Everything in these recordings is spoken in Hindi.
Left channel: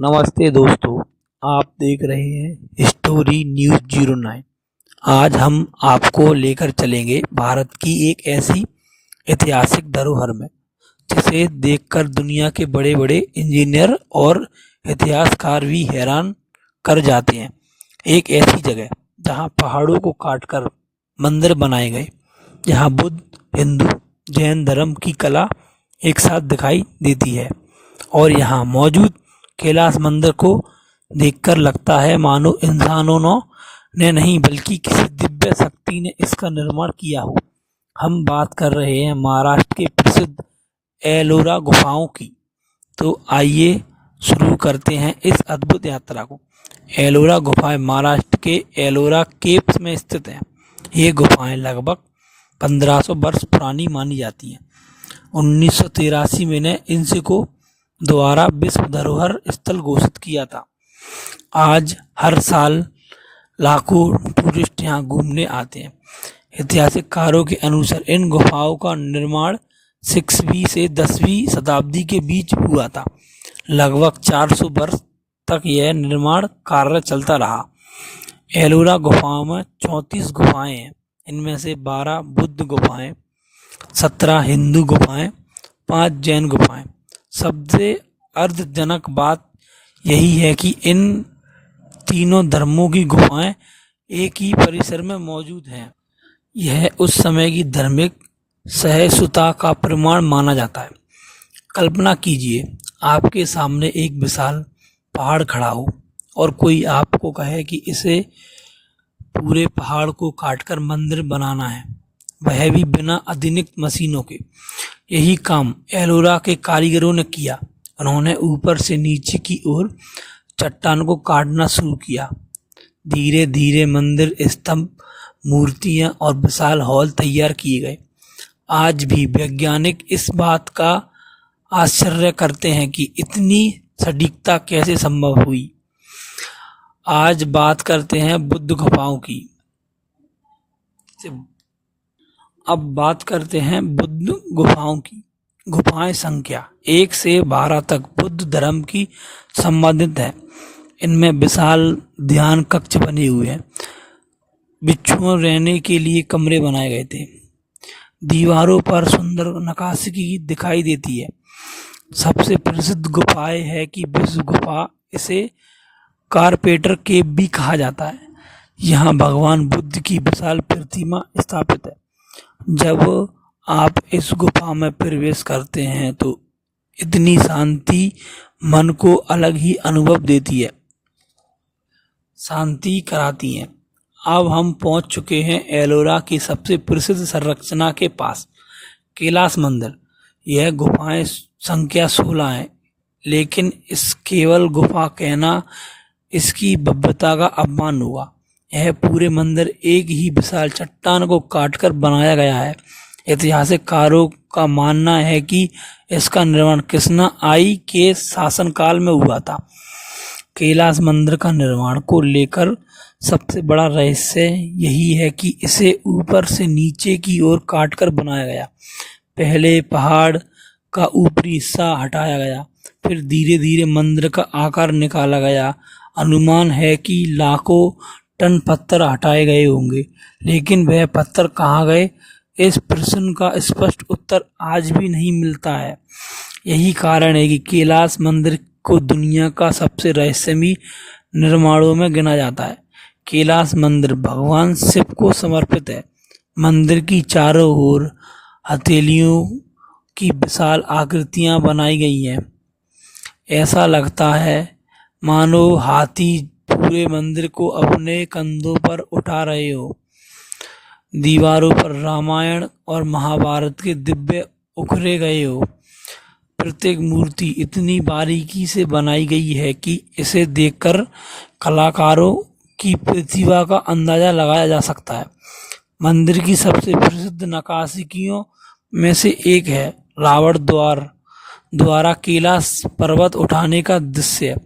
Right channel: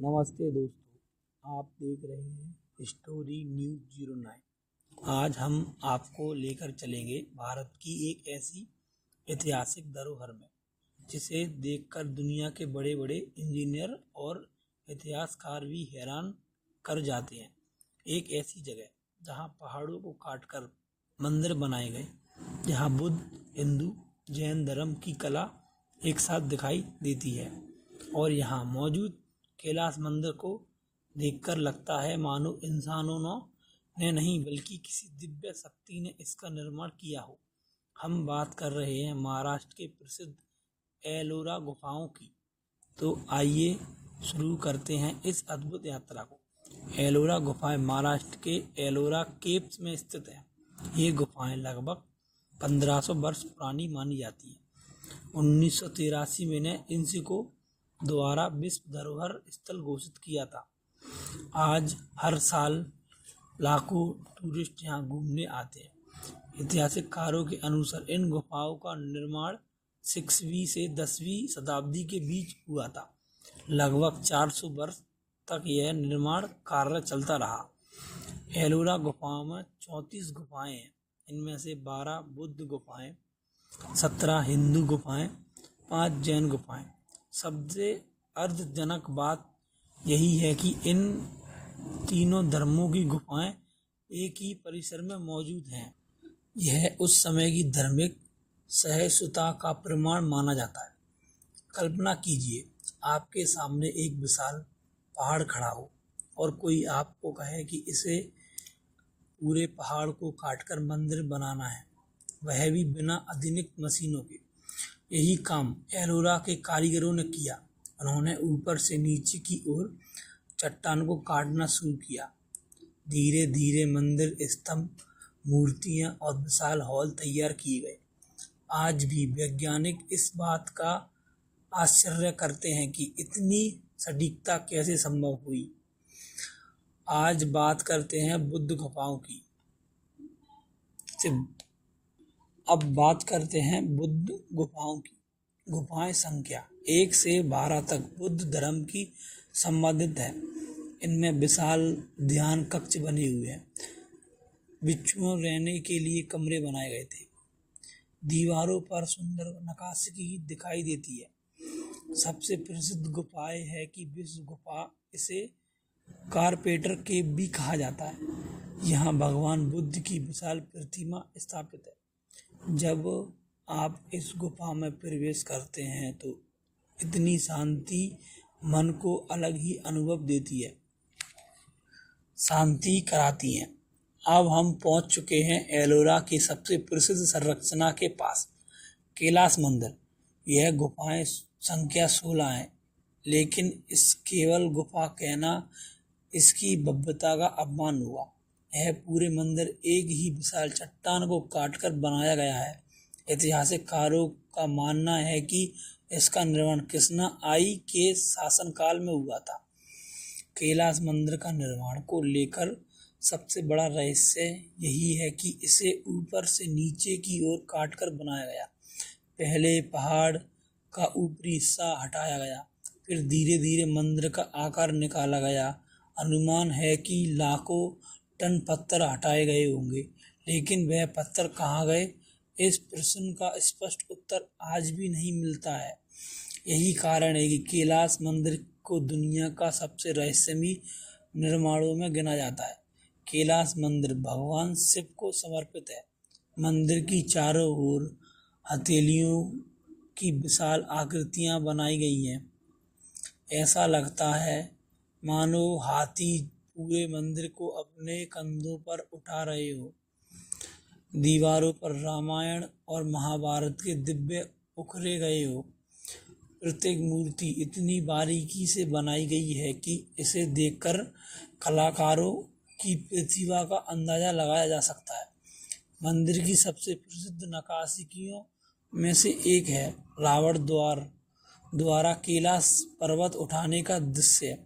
नमस्ते दोस्तों, आप देख रहे हैं स्टोरी न्यूज़ 09। आज हम आपको लेकर चलेंगे भारत की एक ऐसी ऐतिहासिक धरोहर में जिसे देखकर दुनिया के बड़े बड़े इंजीनियर और इतिहासकार भी हैरान कर जाते हैं। एक ऐसी जगह जहां पहाड़ों को काटकर मंदिर बनाए गए, जहां बुद्ध, हिंदू, जैन धर्म की कला एक साथ दिखाई देती है और यहाँ मौजूद कैलाश मंदिर को देखकर लगता है मानो इंसानों ने नहीं बल्कि किसी दिव्य शक्ति ने इसका निर्माण किया हो। हम बात कर रहे हैं महाराष्ट्र के प्रसिद्ध एलोरा गुफाओं की। तो आइए शुरू करते हैं इस अद्भुत यात्रा को। एलोरा गुफाएं महाराष्ट्र के एलोरा केव्स में स्थित हैं। ये गुफाएं लगभग 1500 वर्ष पुरानी मानी जाती हैं। 1983 में ने इनको द्वारा विश्व धरोहर स्थल घोषित किया था। आज हर साल लाखों टूरिस्ट यहाँ घूमने आते हैं। ऐतिहासिककारों के अनुसार इन गुफाओं का निर्माण 6वीं से 10वीं शताब्दी के बीच हुआ था। लगभग 400 वर्ष तक यह निर्माण कार्य चलता रहा। एलोरा गुफाओं में 34 गुफाएं हैं। इनमें से 12 बुद्ध गुफाएं, 17 हिंदू गुफाएं, 5 जैन गुफाएं। सबसे अर्धजनक बात यही है कि इन तीनों धर्मों की गुफाएं एक ही परिसर में मौजूद हैं। यह उस समय की धार्मिक सहिष्णुता का प्रमाण माना जाता है। कल्पना कीजिए, आपके सामने एक विशाल पहाड़ खड़ा हो और कोई आपको कहे कि इसे पूरे पहाड़ को काटकर मंदिर बनाना है, वह भी बिना आधुनिक मशीनों के। यही काम एलोरा के कारीगरों ने किया। उन्होंने ऊपर से नीचे की ओर चट्टान को काटना शुरू किया। धीरे धीरे मंदिर, स्तंभ, मूर्तियां और विशाल हॉल तैयार किए गए। आज भी वैज्ञानिक इस बात का आश्चर्य करते हैं कि इतनी सटीकता कैसे संभव हुई। आज बात करते हैं बुद्ध गुफाओं की। अब बात करते हैं बुद्ध गुफाओं की। गुफाएं संख्या 1 से 12 तक बुद्ध धर्म की संबंधित है। इनमें विशाल ध्यान कक्ष बने हुए हैं। भिक्षुओं रहने के लिए कमरे बनाए गए थे। दीवारों पर सुंदर नक्काशी दिखाई देती है। सबसे प्रसिद्ध गुफाएं है कि विश्व गुफा, इसे कारपेंटर केव भी कहा जाता है। यहाँ भगवान बुद्ध की विशाल प्रतिमा स्थापित है। जब आप इस गुफा में प्रवेश करते हैं तो इतनी शांति मन को अलग ही अनुभव देती है, शांति कराती है। अब हम पहुंच चुके हैं एलोरा की सबसे प्रसिद्ध संरचना के पास, कैलाश मंदिर। यह गुफाएं संख्या 16 है, लेकिन इस केवल गुफा कहना इसकी भव्यता का अपमान हुआ। यह पूरे मंदिर एक ही विशाल चट्टान को काटकर बनाया गया है। ऐतिहासिककारों का मानना है कि इसका निर्माण कृष्णा आई के शासनकाल में हुआ था। कैलाश मंदिर का निर्माण को लेकर सबसे बड़ा रहस्य यही है कि इसे ऊपर से नीचे की ओर काटकर बनाया गया। पहले पहाड़ का ऊपरी हिस्सा हटाया गया, फिर धीरे धीरे मंदिर का आकार निकाला गया। अनुमान है कि लाखों टन पत्थर हटाए गए होंगे, लेकिन वह पत्थर कहाँ गए, इस प्रश्न का स्पष्ट उत्तर आज भी नहीं मिलता है। यही कारण है कि कैलाश मंदिर को दुनिया का सबसे रहस्यमयी निर्माणों में गिना जाता है। कैलाश मंदिर भगवान शिव को समर्पित है। मंदिर की चारों ओर हथेलियों की विशाल आकृतियां बनाई गई हैं। ऐसा लगता है मानो हाथी पूरे मंदिर को अपने कंधों पर उठा रहे हो। दीवारों पर रामायण और महाभारत के दिव्य उकेरे गए हो। प्रत्येक मूर्ति इतनी बारीकी से बनाई गई है कि इसे देखकर कलाकारों की प्रतिभा का अंदाजा लगाया जा सकता है। मंदिर की सबसे प्रसिद्ध नक्काशियों में से एक है रावण द्वारा कैलाश पर्वत उठाने का दृश्य।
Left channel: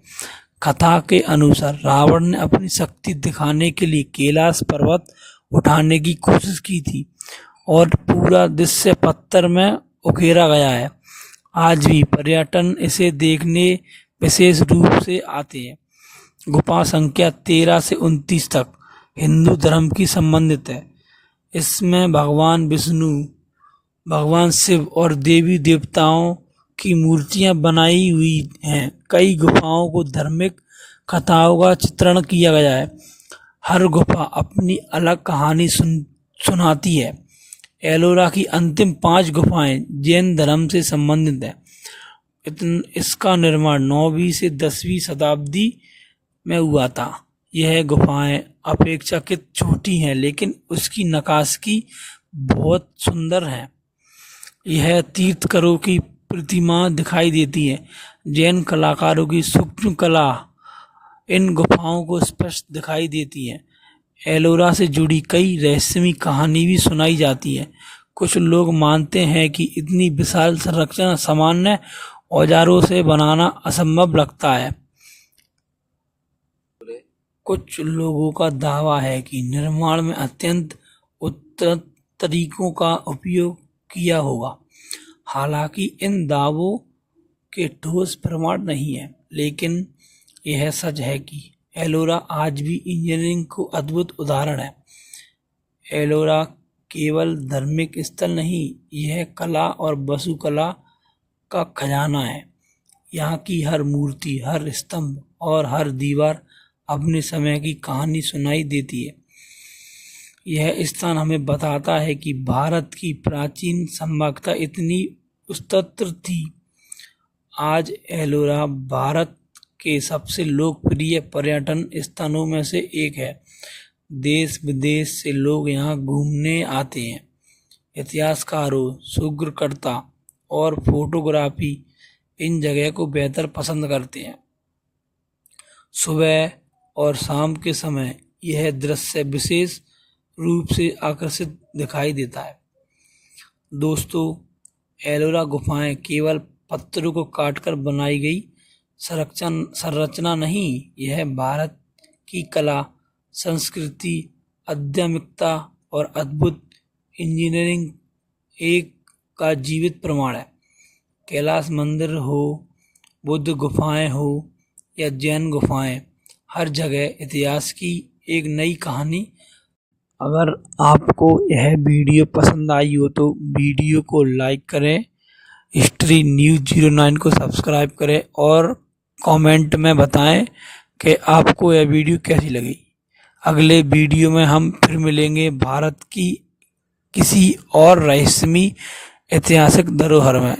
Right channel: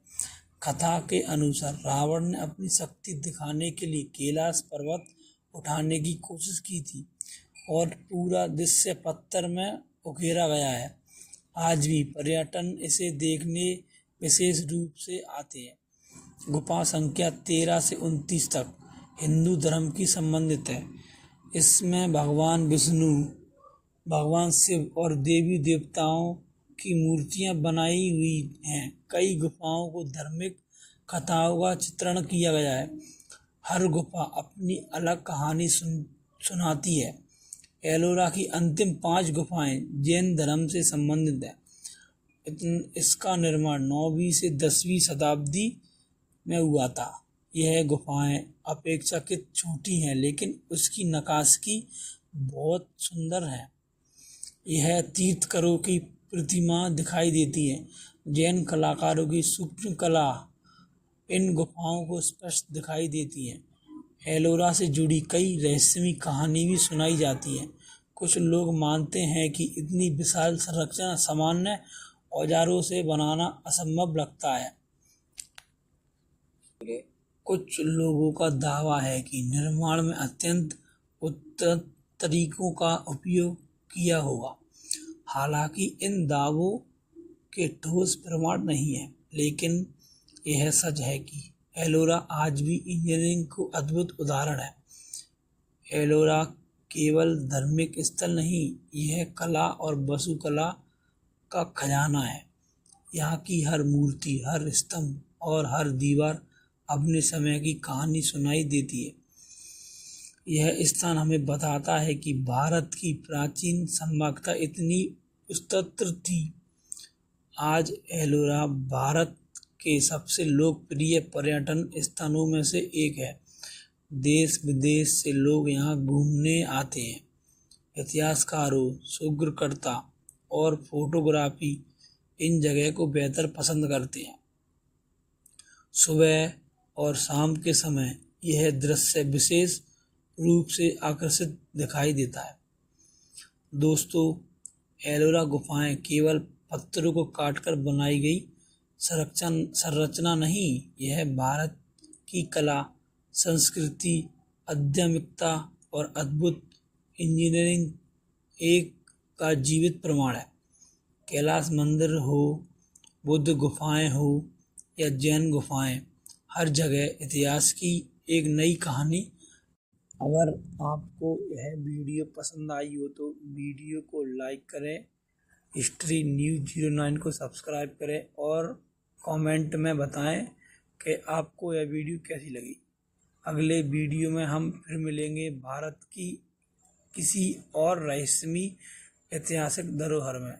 कथा के अनुसार रावण ने अपनी शक्ति दिखाने के लिए कैलाश पर्वत उठाने की कोशिश की थी और पूरा दृश्य पत्थर में उकेरा गया है। आज भी पर्यटन इसे देखने विशेष रूप से आते हैं। गुफा संख्या 13 से 29 तक हिंदू धर्म की संबंधित है। इसमें भगवान विष्णु, भगवान शिव और देवी देवताओं की मूर्तियां बनाई हुई हैं। कई गुफाओं को धार्मिक कथाओं का चित्रण किया गया है। हर गुफा अपनी अलग कहानी सुनाती है। एलोरा की अंतिम 5 गुफाएं जैन धर्म से संबंधित है। इसका निर्माण 9वीं से 10वीं शताब्दी में हुआ था। यह गुफाएं अपेक्षाकृत छोटी हैं, लेकिन उसकी नक्काशी बहुत सुंदर है। यह तीर्थंकरों की प्रतिमा दिखाई देती है। जैन कलाकारों की सूक्ष्म कला इन गुफाओं को स्पष्ट दिखाई देती है। एलोरा से जुड़ी कई रहस्यमयी कहानी भी सुनाई जाती है। कुछ लोग मानते हैं कि इतनी विशाल संरचना सामान्य औजारों से बनाना असंभव लगता है। कुछ लोगों का दावा है कि निर्माण में अत्यंत उन्नत तरीकों का उपयोग किया होगा। हालांकि इन दावों के ठोस प्रमाण नहीं है, लेकिन यह सच है कि एलोरा आज भी इंजीनियरिंग को अद्भुत उदाहरण है। एलोरा केवल धार्मिक स्थल नहीं, यह कला और वास्तुकला का खजाना है। यहाँ की हर मूर्ति, हर स्तंभ और हर दीवार अपने समय की कहानी सुनाई देती है। यह स्थान हमें बताता है कि भारत की प्राचीन सभ्यता इतनी उन्नत थी। आज एलोरा भारत के सबसे लोकप्रिय पर्यटन स्थानों में से एक है। देश विदेश से लोग यहाँ घूमने आते हैं। इतिहासकारों, शोधकर्ता और फोटोग्राफी इन जगह को बेहतर पसंद करते हैं। सुबह और शाम के समय यह दृश्य विशेष रूप से आकर्षित दिखाई देता है। दोस्तों, एलोरा गुफाएं केवल पत्थरों को काटकर बनाई गई संरचना नहीं, यह भारत की कला, संस्कृति, आध्यात्मिकता और अद्भुत इंजीनियरिंग एक का जीवित प्रमाण है। कैलाश मंदिर हो, बुद्ध गुफाएं हो या जैन गुफाएं, हर जगह इतिहास की एक नई कहानी। अगर आपको यह वीडियो पसंद आई हो तो वीडियो को लाइक करें, हिस्ट्री न्यूज़ 09 को सब्सक्राइब करें और कमेंट में बताएं कि आपको यह वीडियो कैसी लगी। अगले वीडियो में हम फिर मिलेंगे भारत की किसी और रहस्यमयी ऐतिहासिक धरोहर में।